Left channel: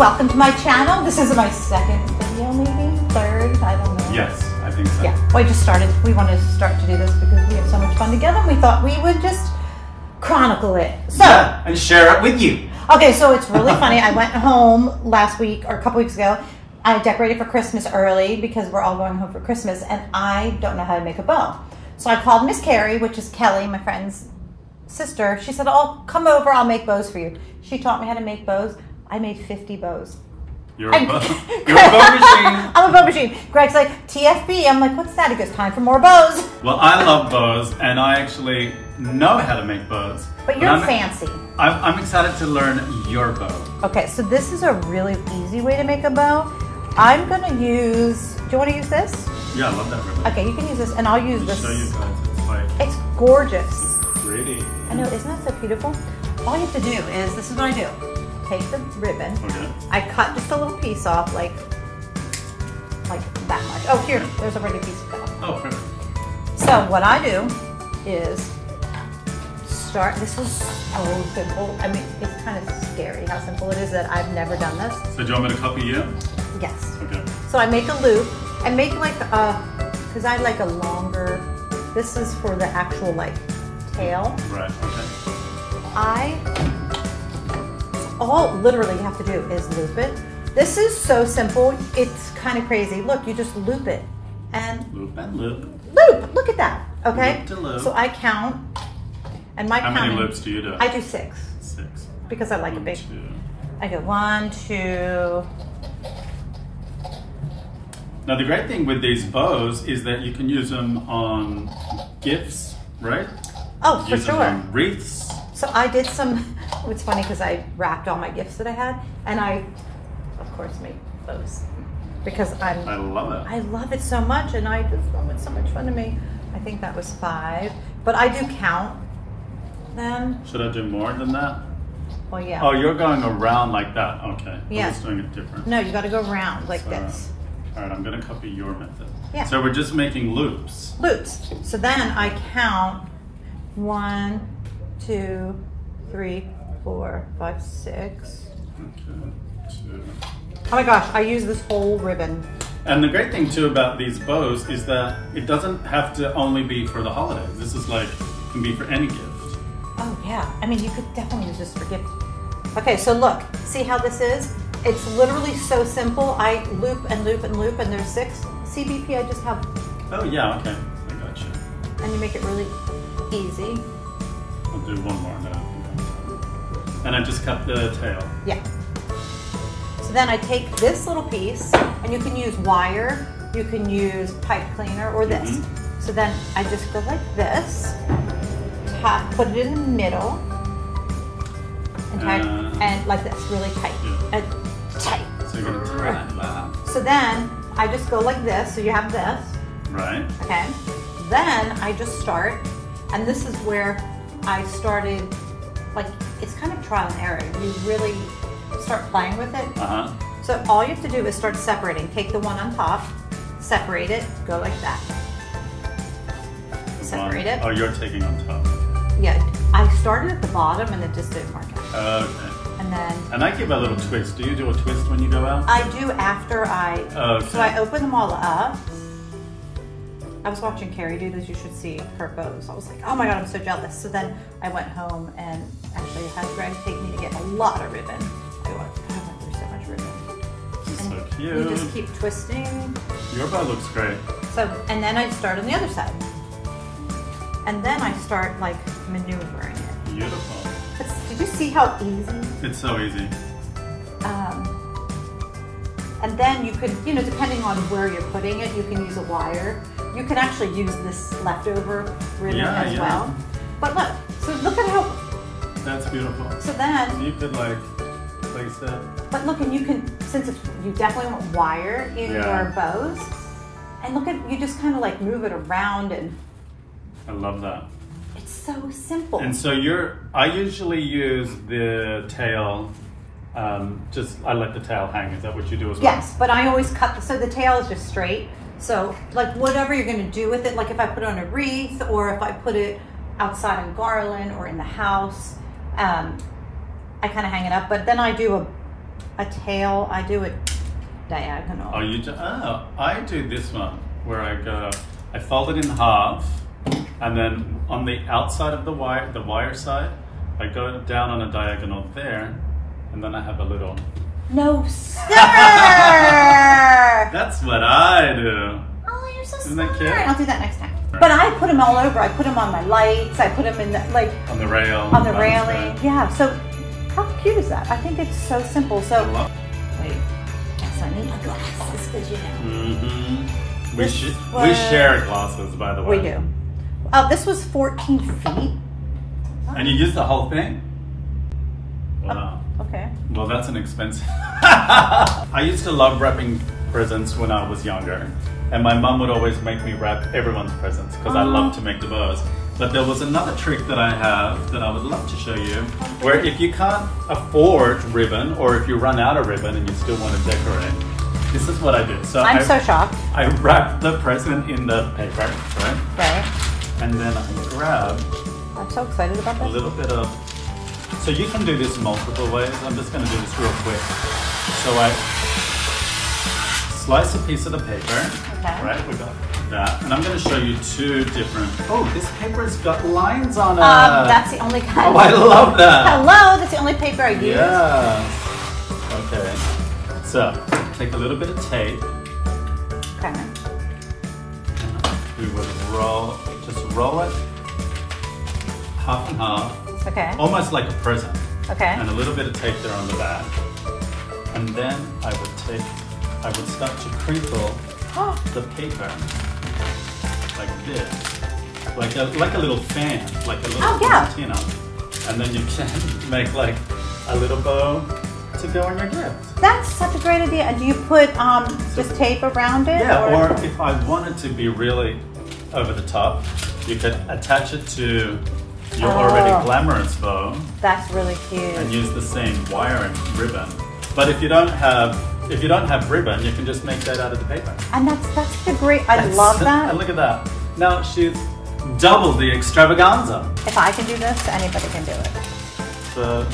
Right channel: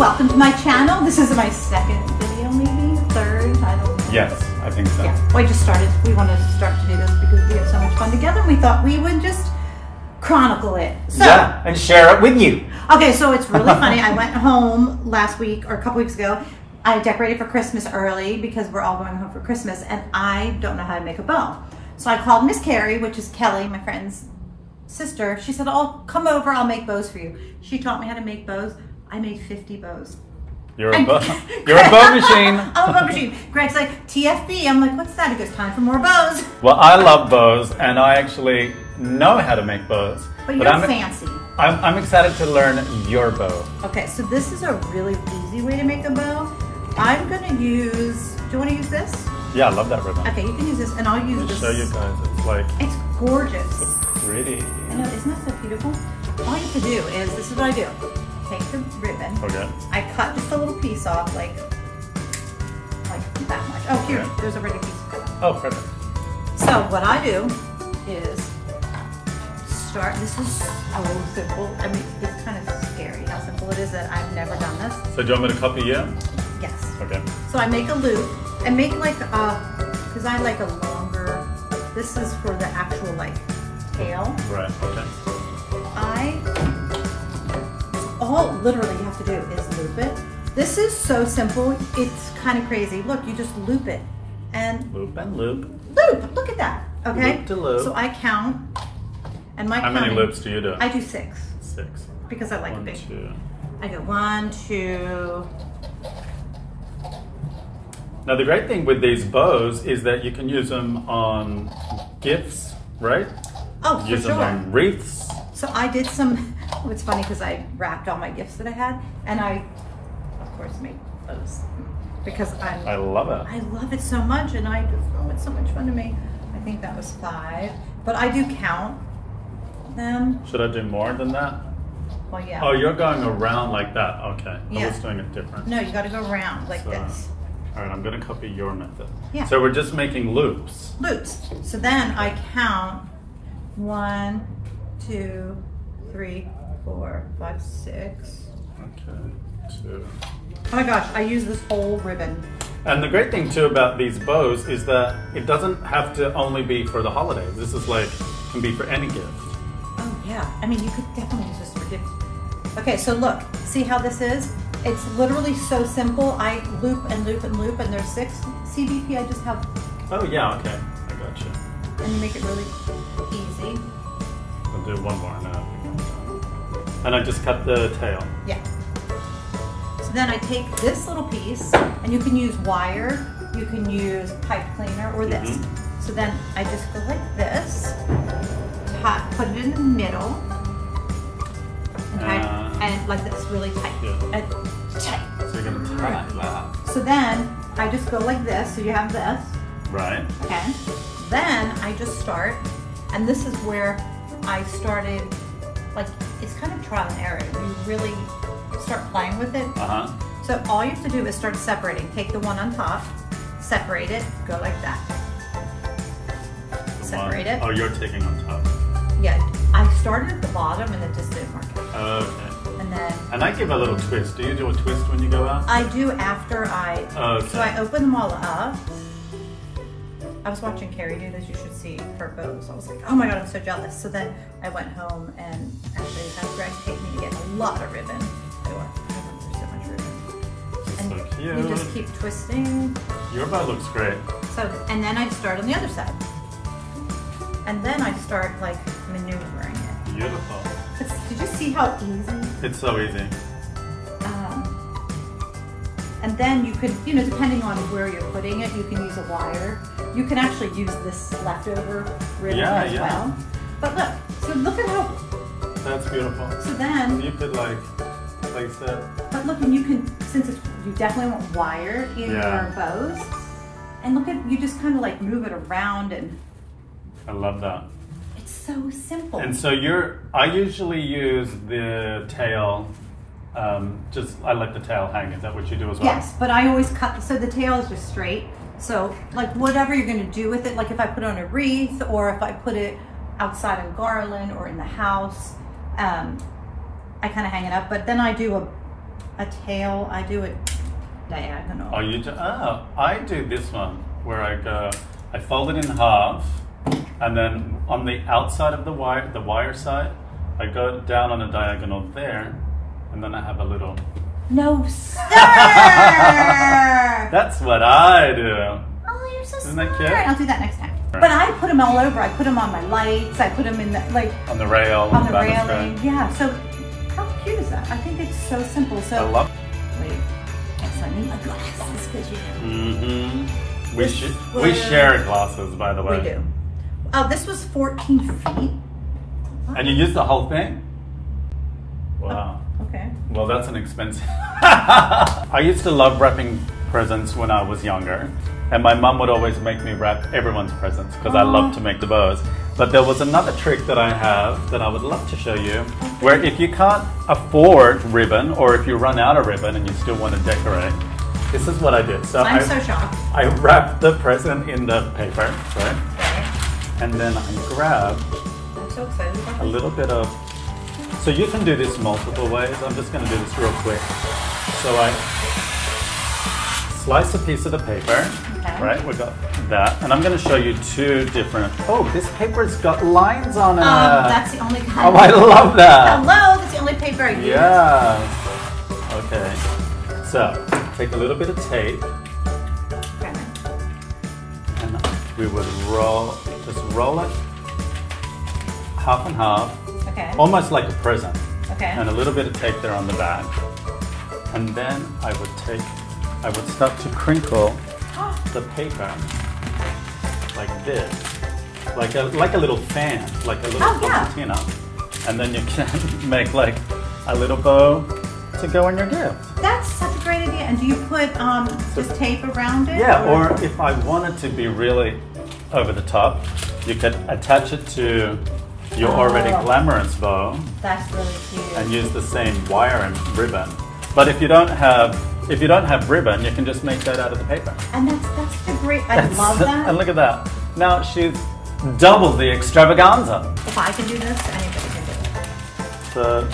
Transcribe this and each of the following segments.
welcome to my channel. This is my second video, maybe third, I don't know. Yes, I think so. Yeah, we just started. We wanted to start to do this because we have so much fun together, and we thought we would just chronicle it. So, yeah, and share it with you. Okay, so it's really funny. I went home last week or a couple weeks ago. I decorated for Christmas early because we're all going home for Christmas, and I don't know how to make a bow. So I called Miss Carrie, which is Kelly, my friend's sister. She said, "Oh, come over, I'll make bows for you." She taught me how to make bows. I made 50 bows. You're a bow machine. I'm a bow machine. Greg's like, TFB. I'm like, what's that? He goes, time for more bows. Well, I love bows, and I actually know how to make bows. But you're fancy. I'm excited to learn your bow. Okay, so this is a really easy way to make a bow. I'm gonna use, do you want to use this? Yeah, I love that ribbon. Okay, you can use this, and I'll use this. Show you guys, it's like... It's gorgeous. It's pretty. I know, isn't that so beautiful? All you have to do is, this is what I do. Take the ribbon. Okay. I cut just a little piece off, like that much. Oh, here, there's already a piece cut off. Oh, perfect. So what I do is start, this is so simple. I mean, it's kind of scary how simple it is that I've never done this. So do you want me to copy you? Yes. Okay. So I make a loop. I make like because I like a longer, this is for the actual like tail. Right, okay. All literally you have to do is loop it. This is so simple, it's kind of crazy. Look, you just loop it and loop and loop. Loop, look at that, okay? Loop to loop. So I count, and my How many loops do you do? I do 6. 6. Because I like One, it big. 2. I go 1, 2. Now the great thing with these bows is that you can use them on gifts, right? Oh, for use sure. them on wreaths. So I did some, it's funny because I wrapped all my gifts that I had, and I, of course, made those because I love it. I love it so much, and I just, oh, it's so much fun to me. I think that was 5, but I do count them. Should I do more than that? Well, yeah. Oh, you're going around like that. Okay. Yeah. I was doing it different. No, you got to go around like this. All right, I'm going to copy your method. Yeah. So we're just making loops. Loops. So then I count 1, 2, 3, 4, 5, 6. Okay. 2. Oh my gosh, I use this whole ribbon. And the great thing too about these bows is that it doesn't have to only be for the holidays. This is like, can be for any gift. Oh yeah, I mean you could definitely use this for gifts. Okay, so look, see how this is? It's literally so simple. I loop and loop and loop, and there's 6. CBP, I just have. Oh yeah, okay, I got you. And you make it really easy. I'll do one more now. And I just cut the tail. Yeah. So then I take this little piece, and you can use wire, you can use pipe cleaner, or this. So then I just go like this, put it in the middle, and tie, and like this, really tight, and tight. So you're gonna tie that. So then I just go like this, so you have this. Right. Okay. Then I just start, and this is where I started, like, it's kind of trial and error. You really start playing with it. So all you have to do is start separating. Take the one on top, separate it, go like that. Separate it. Oh, you're taking on top. Yeah, I started at the bottom and it just didn't work out. Okay. And then... And I give a little twist. Do you do a twist when you go out? I do after I... Okay. So I open them all up. I was watching Carrie do this. You should see her bows. I was like, oh my God, I'm so jealous. So then I went home and actually had Greg take me to get a lot of ribbon. I went through so much ribbon. And so cute. you just keep twisting. Your bow looks great. So, and then I start on the other side. And then I start like maneuvering it. Beautiful. Did you see how easy? It's so easy. And then you could, you know, depending on where you're putting it, you can use a wire. You can actually use this leftover ribbon as well. But look, so look at how... That's beautiful. So then... You could like place it. But look, and you can, since it's, you definitely want wire in your bows. And look at, you just kind of like move it around and... I love that. It's so simple. And so I usually use the tail, I let the tail hang. Is that what you do as well? Yes, but I always cut, so the tail is just straight. So like whatever you're gonna do with it, like if I put it on a wreath or if I put it outside on garland or in the house, I kind of hang it up. But then I do a tail, I do it diagonal. Oh, I do this one where I fold it in half, and then on the outside of the wire side, I go down on a diagonal there, and then I have a little. No, sir! That's what I do. Oh, you're so Isn't smart. that cute? I'll do that next time. But I put them all over. I put them on my lights. I put them in the, like... On the rail. On the railing. Yeah, so how cute is that? I think it's so simple. So, I love. wait. Yes, I need my glasses because you know. Mm-hmm. We share glasses, by the way. We do. This was 14 feet. And you used the whole thing? Wow. Oh, okay. Well, that's an expensive. I used to love wrapping presents when I was younger, and my mum would always make me wrap everyone's presents because I love to make the bows. But there was another trick that I have that I would love to show you, where if you can't afford ribbon, or if you run out of ribbon and you still want to decorate, this is what I did. So I'm so shocked. I wrapped the present in the paper, right? Okay. And then I grabbed I'm so excited about a this. little bit of. So you can do this multiple ways. I'm just going to do this real quick. So I slice a piece of the paper, Okay. right? We got that, and I'm going to show you two different. Oh, this paper's got lines on it. That's the only kind. Oh, I love that. Hello, that's the only paper I use. Yeah. Okay. So take a little bit of tape, Okay. and we would just roll it half and half, Okay. almost like a present. Okay. And a little bit of tape there on the back. And then I would start to crinkle the paper like this, like a little fan, like a little concertina. And then you can make like a little bow to go on your gift. That's such a great idea. And do you put just tape around it? Yeah, or if I wanted to be really over the top, you could attach it to your already glamorous bow. That's really cute. And use the same wire and ribbon. But if you don't have ribbon, you can just make that out of the paper. And that's the great. I love that. And look at that. Now she's double the extravaganza. If I can do this, anybody can do it. So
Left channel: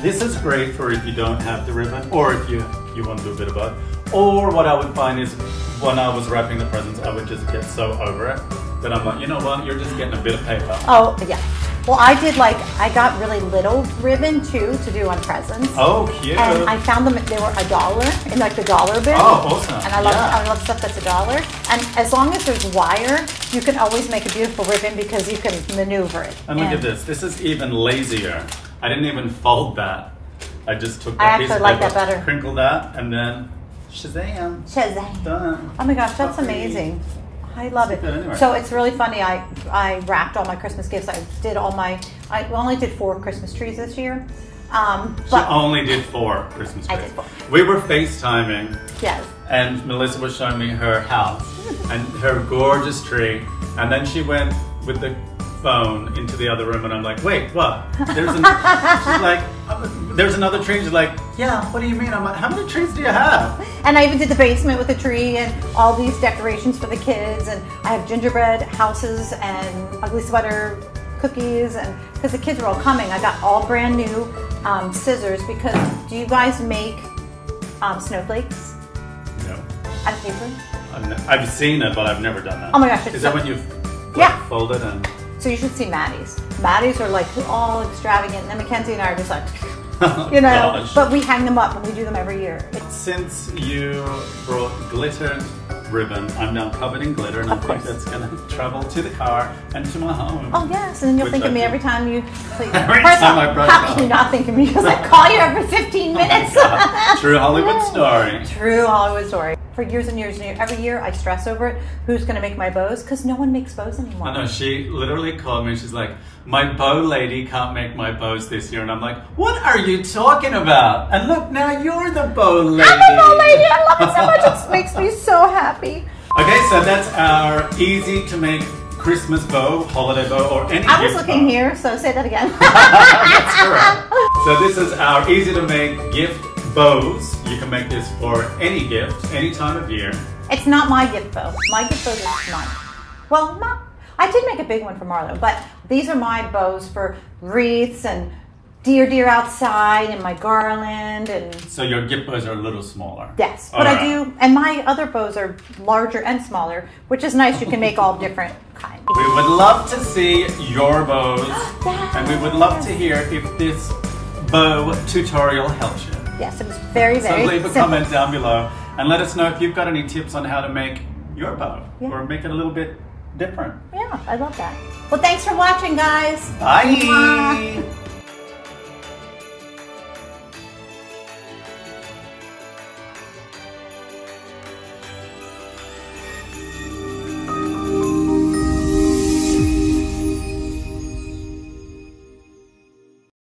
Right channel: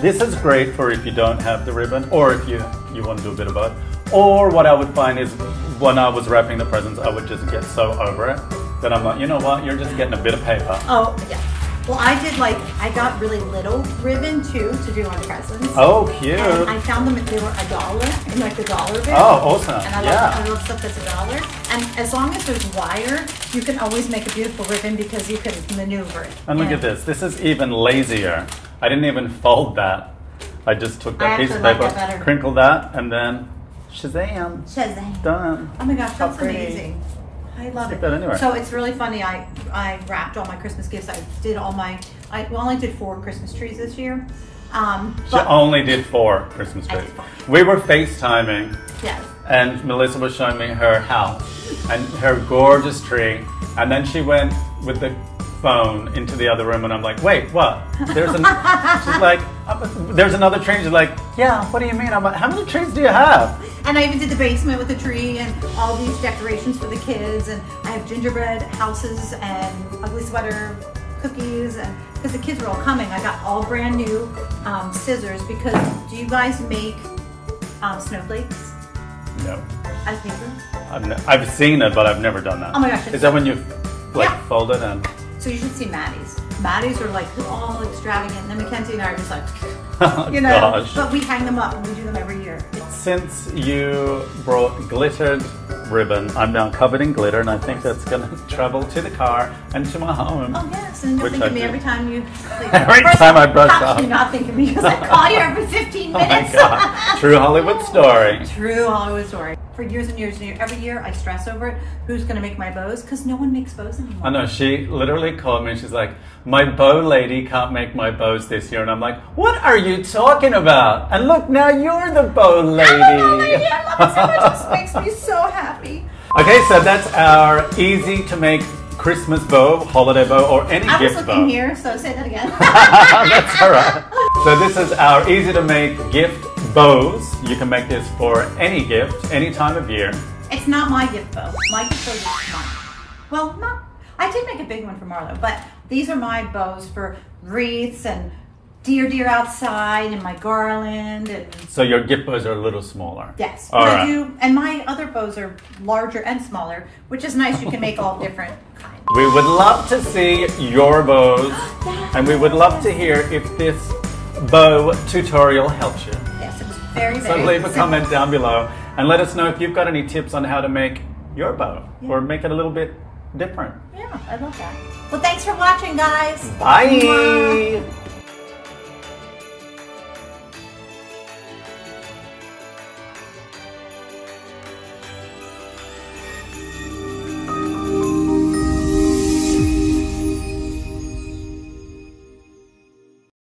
this is great for if you don't have the ribbon, or if you want to do a bit of both. Or what I would find is when I was wrapping the presents, I would just get so over it that I'm like, you know what? You're just getting a bit of paper. Oh yeah. Well, I got really little ribbon too to do on presents. Oh, cute. And I found them, they were $1 in like the dollar bill. Oh, awesome. And I love stuff that's $1. And as long as there's wire, you can always make a beautiful ribbon because you can maneuver it. And look at this. This is even lazier. I didn't even fold that. I just took that piece of paper, crinkled that, and then Shazam. Shazam. Done. Oh my gosh, that's amazing. I love it. Anywhere. So it's really funny. I wrapped all my Christmas gifts. I only did 4 Christmas trees this year. She only did 4 Christmas trees. I did 4. We were FaceTiming. Yes. And Melissa was showing me her house and her gorgeous tree. And then she went with the phone into the other room, and I'm like, wait, what? She's like, there's another tree. She's like, yeah, what do you mean? I'm like, how many trees do you have? And I even did the basement with a tree and all these decorations for the kids. And I have gingerbread houses and ugly sweater cookies. And because the kids are all coming, I got all brand new scissors. Because do you guys make snowflakes? No. On paper? I've seen it, but I've never done that. Oh my gosh. Is that when you fold it and... So you should see Maddie's. Maddie's are like all extravagant. And then Mackenzie and I are just like, oh, you know, gosh. But we hang them up and we do them every year. Since you brought glittered ribbon, I'm now covered in glitter, and I think that's going to travel to the car and to my home. Oh yes, and then you'll think of me every time you sleep. Every time I brush How off. can you not think of me? Because I call you every 15 minutes. Oh my God. True Hollywood story. True Hollywood story. For years and years and years, every year I stress over it. Who's going to make my bows? Because no one makes bows anymore. I know, she literally called me and she's like, my bow lady can't make my bows this year. And I'm like, what are you talking about? And look, now you're the bow lady. I'm the bow lady. I love it so much. It just makes me so happy. Okay, so that's our easy to make Christmas bow, holiday bow, or any gift bow. I was looking here, so say that again. That's all right. So this is our easy to make gift bows. You can make this for any gift, any time of year. It's not my gift bow. My gift bow is mine. Well, I did make a big one for Marlo, but these are my bows for wreaths and deer outside and my garland and. So your gift bows are a little smaller. Yes, All but right. I do, and my other bows are larger and smaller, which is nice. You can make all different kinds. We would love to see your bows, and we would love to hear if this bow tutorial helps you. Yes, it was very, very So leave a simple. comment down below and let us know if you've got any tips on how to make your bow or make it a little bit different. Yeah, I love that. Well, thanks for watching, guys. Bye. Mwah.